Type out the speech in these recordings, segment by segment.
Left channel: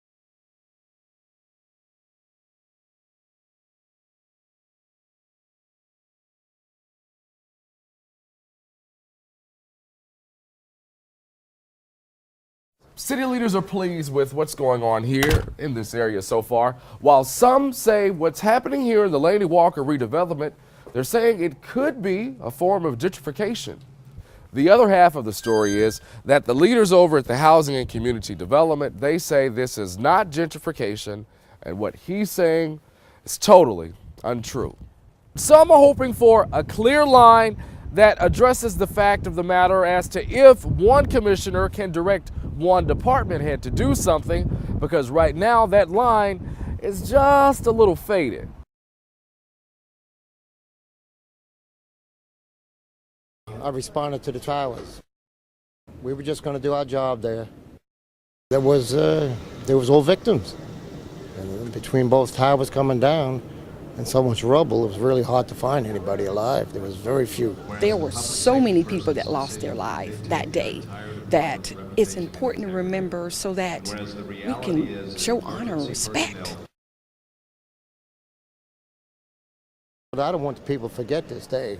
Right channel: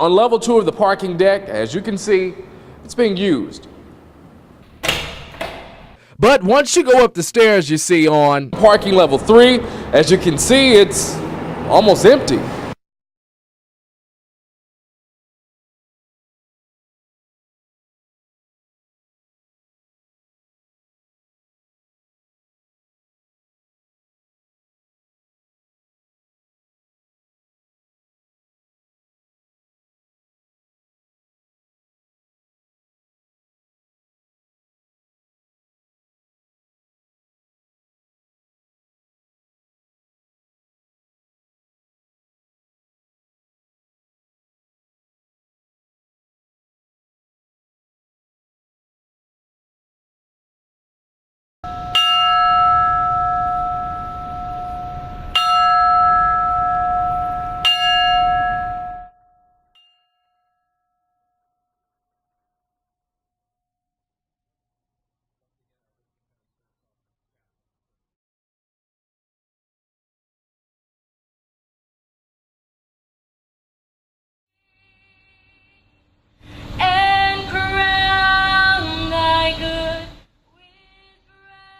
On level 2 of the parking deck, as you can see, it's being used. But once you go up the stairs, you see on parking level 3, as you can see, it's almost empty. City leaders are pleased with what's going on here in this area so far. While some say what's happening here in the Laney Walker redevelopment, they're saying it could be a form of gentrification. The other half of the story is that the leaders over at the Housing and Community Development, they say this is not gentrification, and what he's saying is totally untrue. Some are hoping for a clear line that addresses the fact of the matter as to if one commissioner can direct one department head to do something, because right now that line is just a little faded. I responded to the towers. We were just going to do our job there. There was all victims. And between both towers coming down and so much rubble, it was really hard to find anybody alive. There was very few. There were so many people that lost their life that day that it's important to remember so that we can show honor and respect. But I don't want the people to forget this day.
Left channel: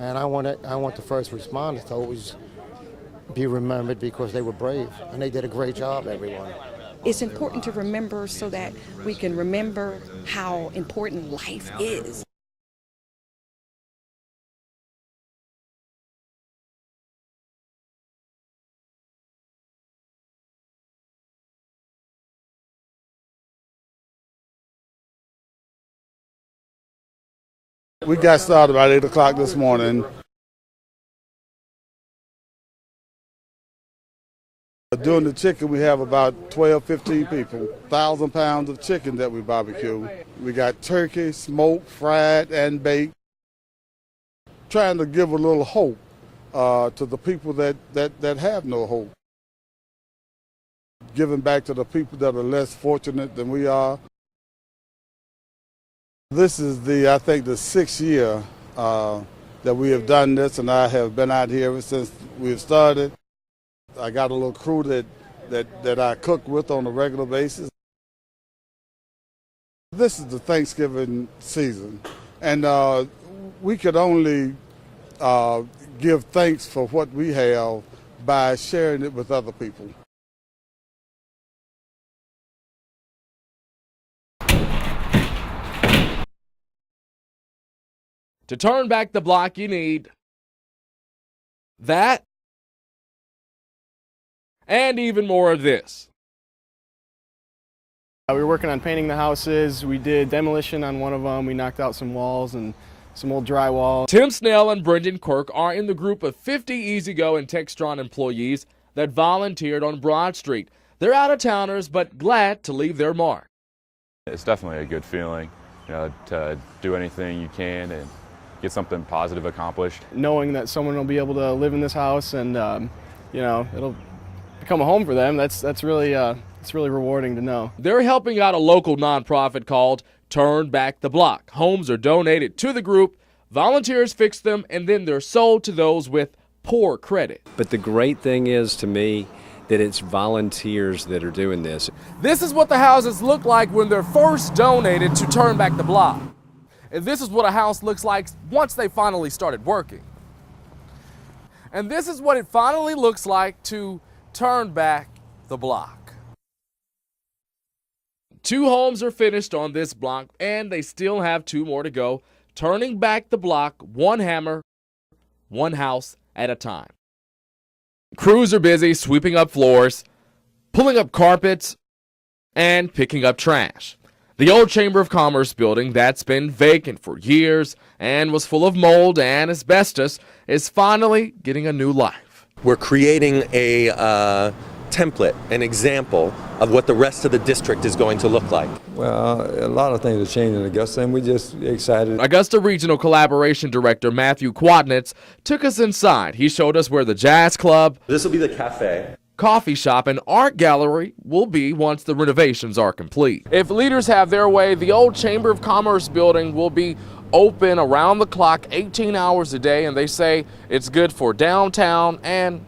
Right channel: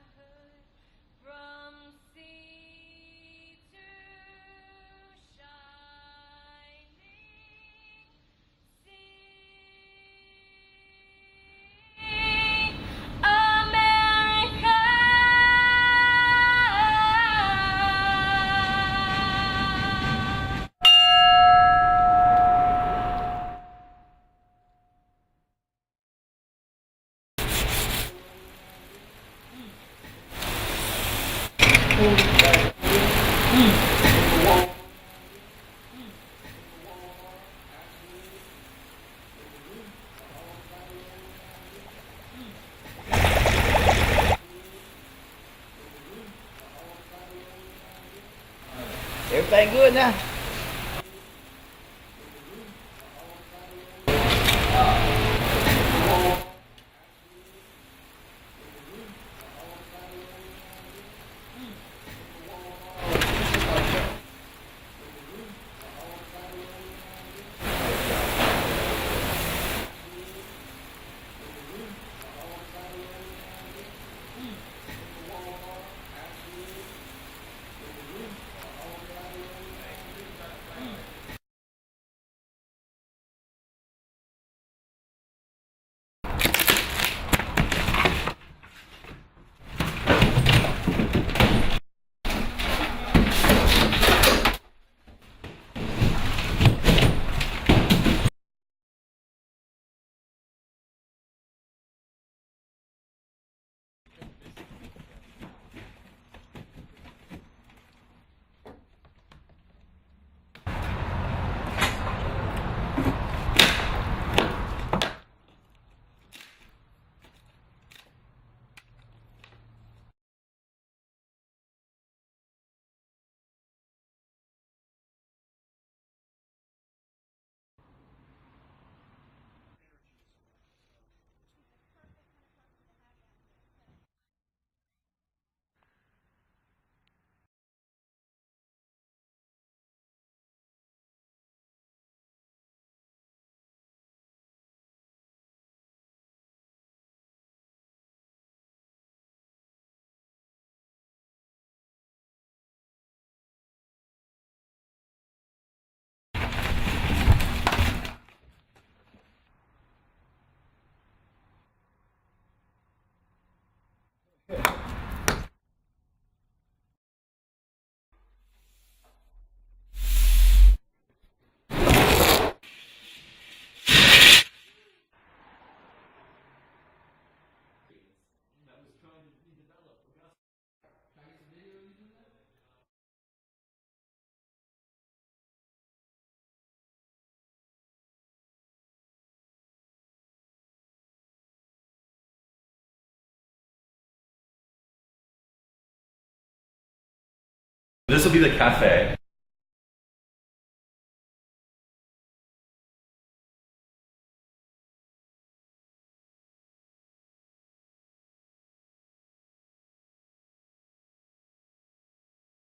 And I want the first responders to always be remembered because they were brave and they did a great job, everyone. It's important to remember so that we can remember how important life is. We got started about 8 o'clock this morning. Doing the chicken, we have about 12, 15 people. 1,000 pounds of chicken that we barbecue. We got turkey, smoked, fried, and baked. Trying to give a little hope to the people that have no hope. Everything good now? Giving back to the people that are less fortunate than we are. This is I think the 6th year that we have done this, and I have been out here ever since we've started. I got a little crew that I cook with on a regular basis. This is the Thanksgiving season, and we could only give thanks for what we have by sharing it with other people. To turn back the block, you need that and even more of this. We were working on painting the houses. We did demolition on one of them. We knocked out some walls and some old drywall. Tim Snell and Brendan Quirk are in the group of 50 E-Z-GO and Textron employees that volunteered on Broad Street. They're out-of-towners, but glad to leave their mark. It's definitely a good feeling, to do anything you can and get something positive accomplished. Knowing that someone will be able to live in this house and, it'll become a home for them, that's really it's really rewarding to know. They're helping out a local nonprofit called Turn Back the Block. Homes are donated to the group, volunteers fix them, and then they're sold to those with poor credit. But the great thing is, to me, that it's volunteers that are doing this. This is what the houses look like when they're first donated to Turn Back the Block. And this is what a house looks like once they finally started working. And this is what it finally looks like to turn back the block. 2 homes are finished on this block, and they still have 2 more to go. Turning back the block, 1 hammer, 1 house at a time. Crews are busy sweeping up floors, pulling up carpets, and picking up trash. The old Chamber of Commerce building that's been vacant for years and was full of mold and asbestos is finally getting a new life. We're creating a template, an example of what the rest of the district is going to look like. Well, a lot of things are changing in Augusta, and we're just excited. Augusta Regional Collaboration Director Matthew Quadnitz took us inside. He showed us where the jazz club, this will be the cafe, coffee shop, and art gallery will be once the renovations are complete. If leaders have their way, the old Chamber of Commerce building will be open around the clock, 18 hours a day, and they say it's good for downtown and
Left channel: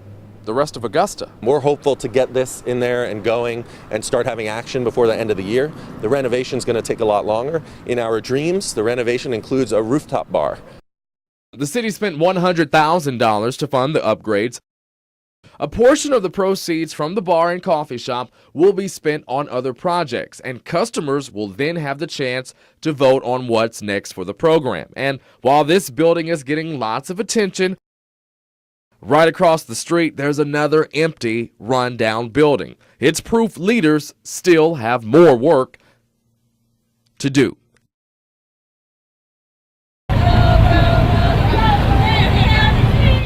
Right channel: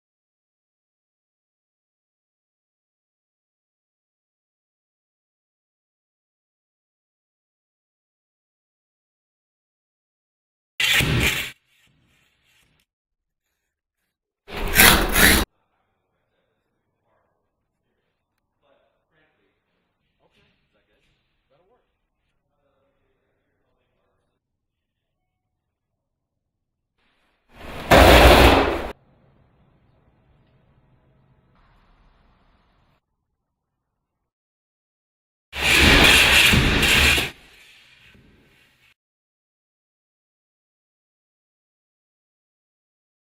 the rest of Augusta. We're hopeful to get this in there and going and start having action before the end of the year. The renovation is going to take a lot longer. In our dreams, the renovation includes a rooftop bar. The city spent $100,000 to fund the upgrades. A portion of the proceeds from the bar and coffee shop will be spent on other projects, and customers will then have the chance to vote on what's next for the program. And while this building is getting lots of attention, right across the street there's another empty, run-down building. It's proof leaders still have more work to do.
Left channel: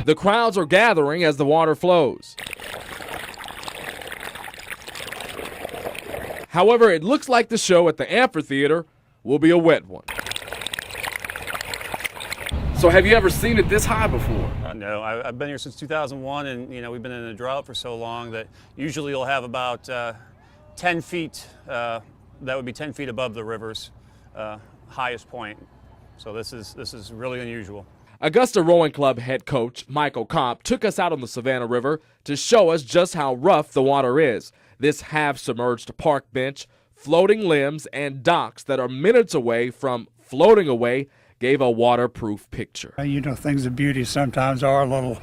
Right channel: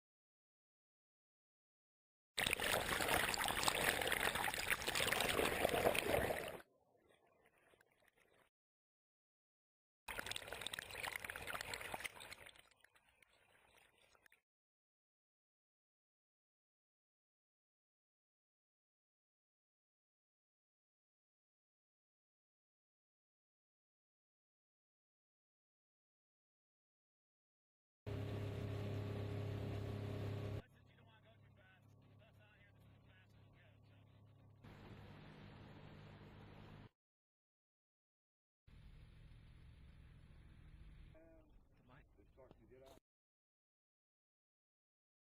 The crowds are gathering as the water flows. However, it looks like the show at the amphitheater will be a wet one. So have you ever seen it this high before? No, I've been here since 2001, and we've been in a drought for so long that usually you'll have about 10 feet, that would be 10 feet above the river's highest point. So this is really unusual. Augusta Rowing Club head coach Michael Kopp took us out on the Savannah River to show us just how rough the water is. This half-submerged park bench, floating limbs, and docks that are minutes away from floating away gave a waterproof picture. Things of beauty sometimes are a little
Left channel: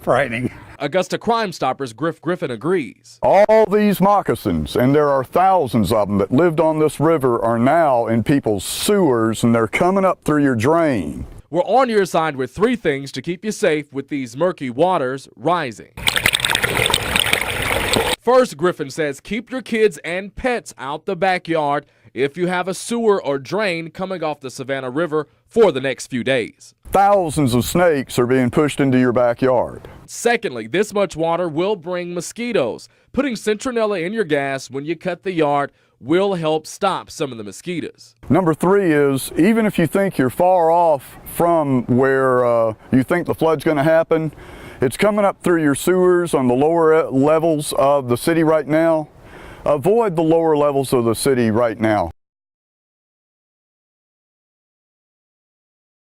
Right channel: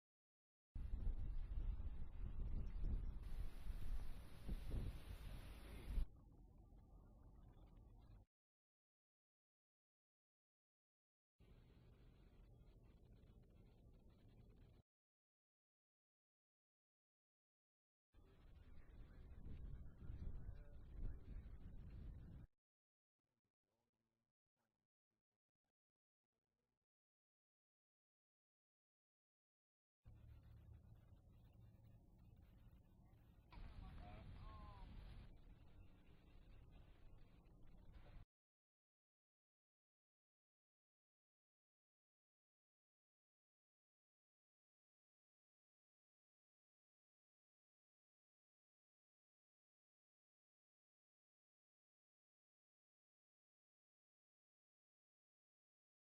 frightening. Augusta Crime Stoppers Griff Griffin agrees. All these moccasins, and there are thousands of them that lived on this river, are now in people's sewers, and they're coming up through your drain. We're on your side with 3 things to keep you safe with these murky waters rising. First, Griffin says keep your kids and pets out the backyard if you have a sewer or drain coming off the Savannah River for the next few days. Thousands of snakes are being pushed into your backyard. Secondly, this much water will bring mosquitoes. Putting Centronella in your gas when you cut the yard will help stop some of the mosquitoes. Number 3 is, even if you think you're far off from where you think the flood's going to happen, it's coming up through your sewers on the lower levels of the city right now. Avoid the lower levels of the city right now.